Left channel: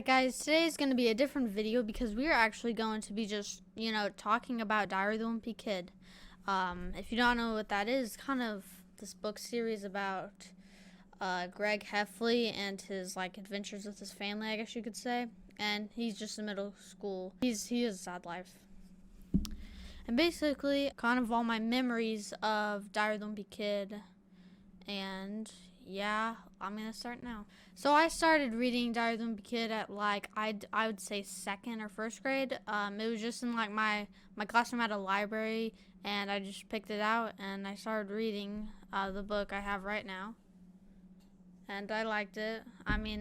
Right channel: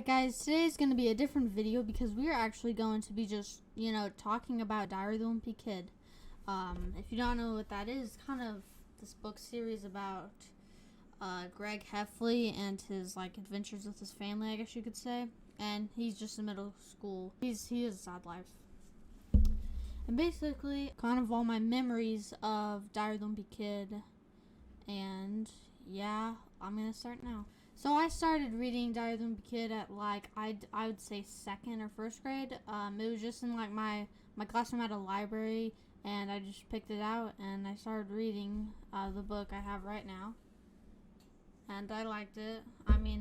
Alright guys, today's going to be a different video because we are actually going to be just, talking about Diary of the Wimpy Kid. If you don't know what that is, kind of this book series about Greg Heffley and his adventures with his family, I guess you could say. And he's just in middle school. He has a sad life. And basically, kind of all my memories of Diary of the Wimpy Kid. And yeah, I'm going to start now. So I started reading Diary of the Wimpy Kid at I would say second or first grade. It was just in my classroom had a library, and I just picked it out and I started reading the book I have right now, and I liked it. I mean,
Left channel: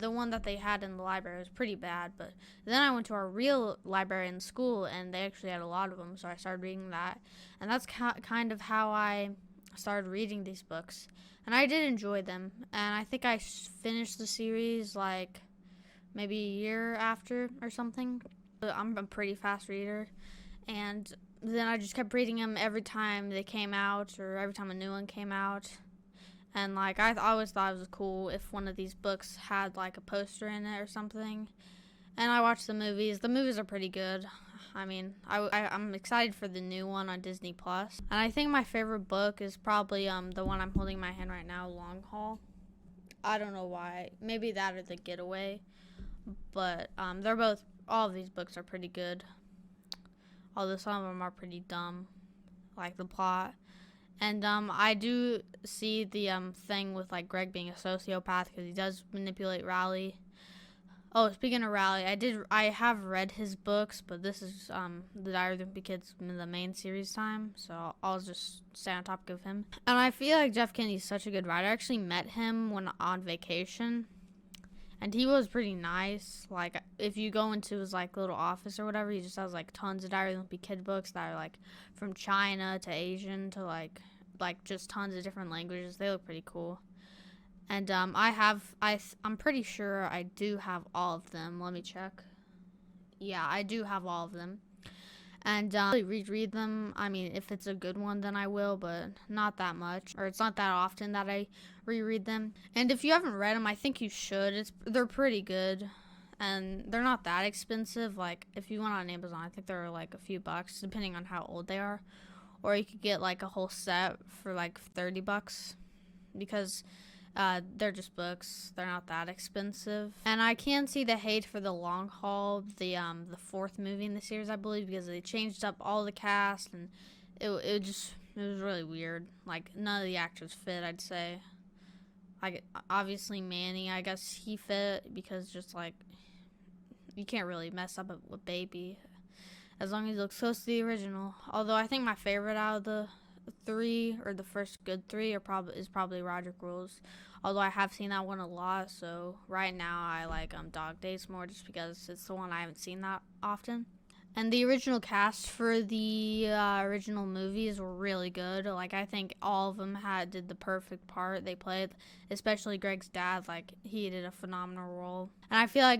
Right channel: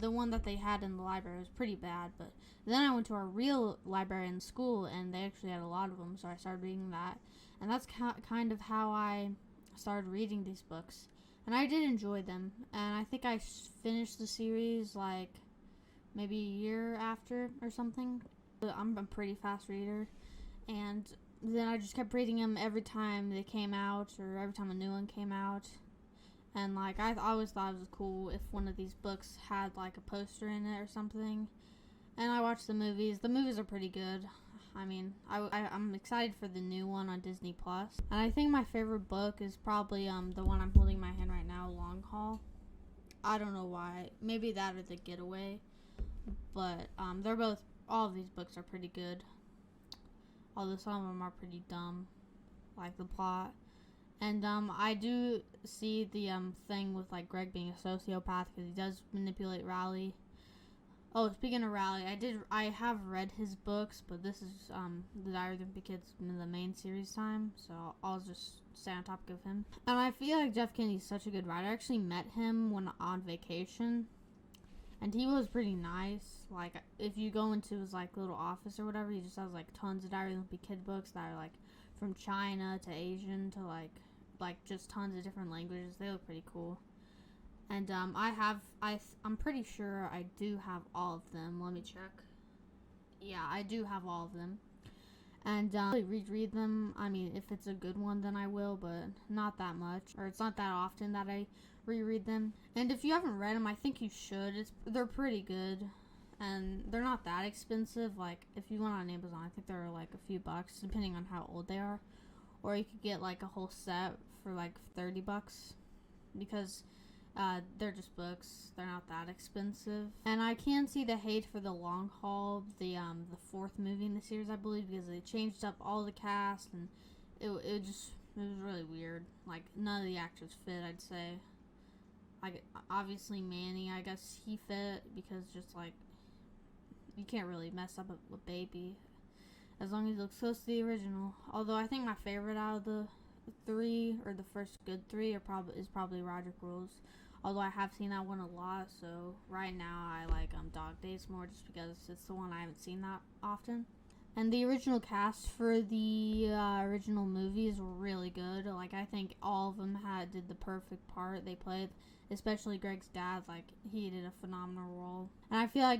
the one that they had in the library was pretty bad, but then I went to our real library in school, and they actually had a lot of them, so I started reading that, and that's kind of how I started reading these books. And I did enjoy them, and I think I finished the series maybe a year after or something. I'm a pretty fast reader, and then I just kept reading them every time they came out or every time a new one came out. And I always thought it was cool if one of these books had a poster in it or something. And I watched the movies. The movies are pretty good. I mean, I'm excited for the new one on Disney Plus. And I think my favorite book is probably the one I'm holding in my hand right now, Long Haul. I don't know why. Maybe that or The Getaway. But all of these books are pretty good. Although some of them are pretty dumb, like the plot. And I do see the thing with Greg being a sociopath because he does manipulate Rowley. Oh, speaking of Rowley, I have read his books, but this is the Diary of the Wimpy Kid's the main series time, so I'll just stay on topic of him. And I feel like Jeff Kennedy's such a good writer. I actually met him when on vacation, and he was pretty nice. If you go into his little office or whatever, he just has tons of Diary of the Wimpy Kid books that are from China to Asian to just tons of different languages. They look pretty cool. And I'm pretty sure I do have all of them. Let me check. Yeah, I do have all of them. And I reread them. I mean, if it's a good one, then I will, but not that much. Or it's not that often that I reread them. And if you haven't read them, I think you should. They're pretty good. And they're not that expensive. If you went on Amazon, I think they're a few bucks, depending on how old they are. Or you could get a whole set for $30, because they're just books. They're not that expensive. And I can see the hate for The Long Haul, the fourth movie in the series, I believe, because they changed up all the cast, and it was really weird. None of the actors fit, I'd say. Obviously Manny, I guess he fit, because you can't really mess up a baby as long as he looks close to the original. Although I think my favorite out of the three, or the first good three, is probably Roger Rules. Although I have seen that one a lot, so right now I like Dog Days more, just because it's the one I haven't seen that often. And the original cast for the original movies were really good. I think all of them did the perfect part they played, especially Greg's dad. He did a phenomenal role. And I feel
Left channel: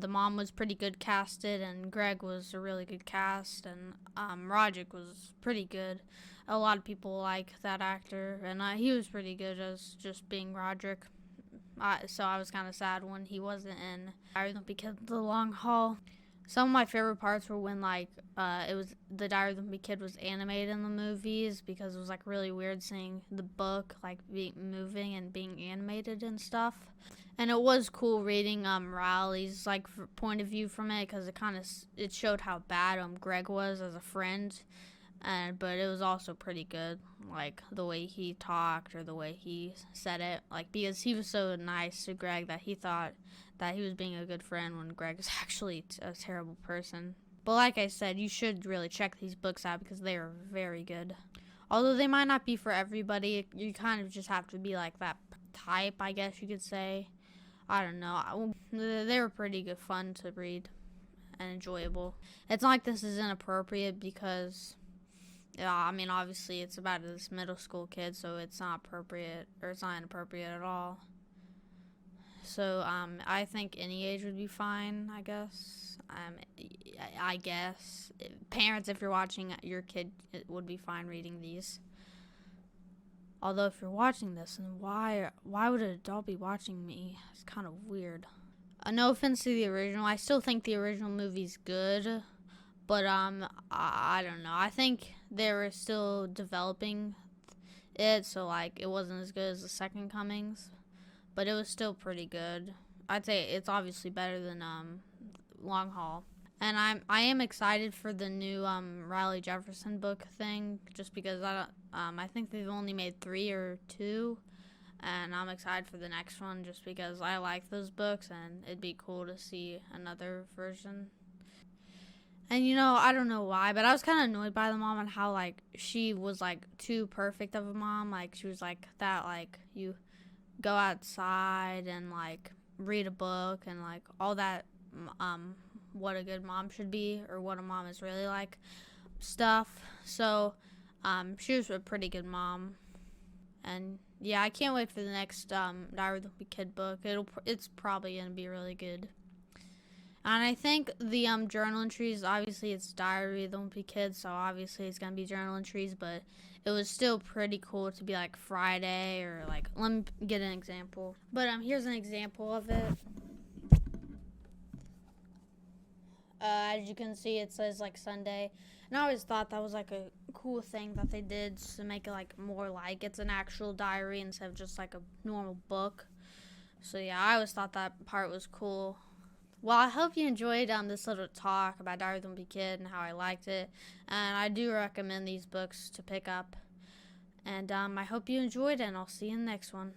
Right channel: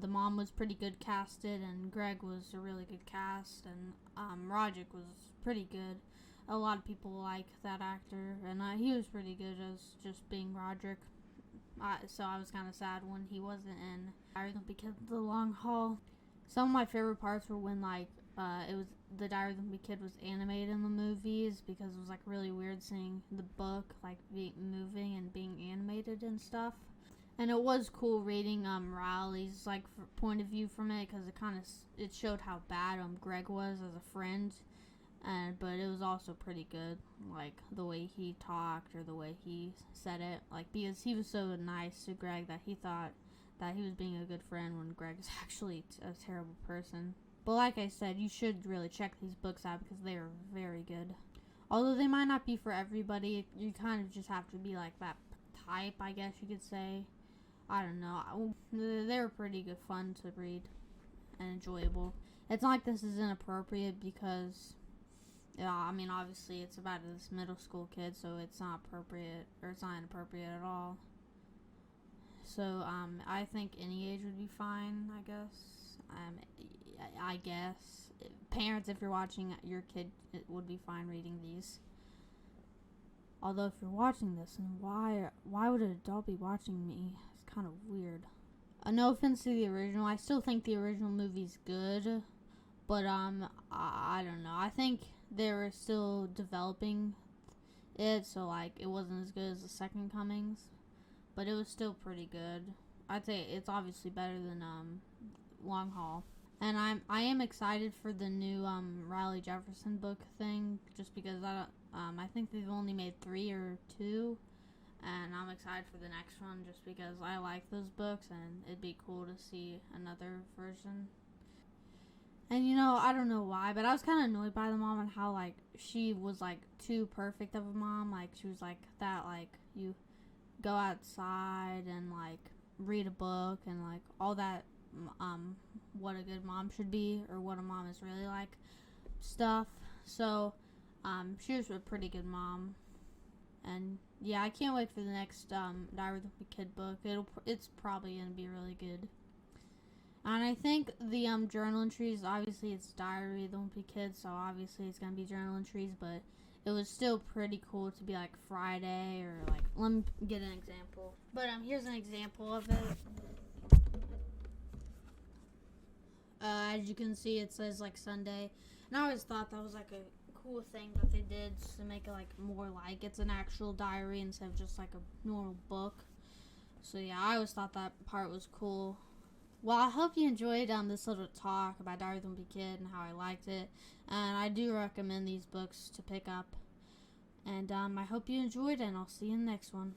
the mom was pretty good casted, and Greg was a really good cast, and Roderick was pretty good. A lot of people like that actor, and he was pretty good as just being Roderick. So I was kind of sad when he wasn't in Diary of the Wimpy Kid: The Long Haul. Some of my favorite parts were when it was the Diary of the Wimpy Kid was animated in the movies, because it was really weird seeing the book moving and being animated and stuff. And it was cool reading Riley's point of view from it, because it showed how bad Greg was as a friend. But it was also pretty good, the way he talked or the way he said it, because he was so nice to Greg that he thought that he was being a good friend when Greg is actually a terrible person. But like I said, you should really check these books out, because they are very good. Although they might not be for everybody, you kind of just have to be that type, I guess you could say. I don't know. They were pretty good fun to read and enjoyable. It's not this is inappropriate, because I mean, obviously it's about this middle school kid, so it's not appropriate, or it's not inappropriate at all. So I think any age would be fine, I guess. I guess parents, if you're watching, your kid would be fine reading these. Although if you're watching this, then why would an adult be watching me? It's kind of weird. No offense to the original, I still think the original movie's good, but I don't know. I think they were still developing it, so like it wasn't as good as the Second Comings, but it was still pretty good. I'd say it's obviously better than Long Haul. And I am excited for the new Riley Jefferson book thing, just because I think they've only made 3 or 2, and I'm excited for the next one just because I like those books and it'd be cool to see another version. And I don't know why, but I was kind of annoyed by the mom and how like she was like too perfect of a mom. Like she was like that, like you go outside and like read a book and like all that what a good mom should be or what a mom is really like stuff. So she was a pretty good mom. And yeah, I can't wait for the next Diary of the Wimpy Kid book. It's probably gonna be really good. And I think the journal entries, obviously it's Diary of the Wimpy Kid, so obviously it's gonna be journal entries, but it was still pretty cool to be like Friday or like, let me get an example. But here's an example of it. As you can see, it says like Sunday. And I always thought that was like a cool thing that they did to make it like more like it's an actual diary instead of just like a normal book. So yeah, I always thought that part was cool. Well, I hope you enjoyed this little talk about Diary of the Wimpy Kid and how I liked it. And I do recommend these books to pick up. And I hope you enjoyed it, and I'll see you in the next one.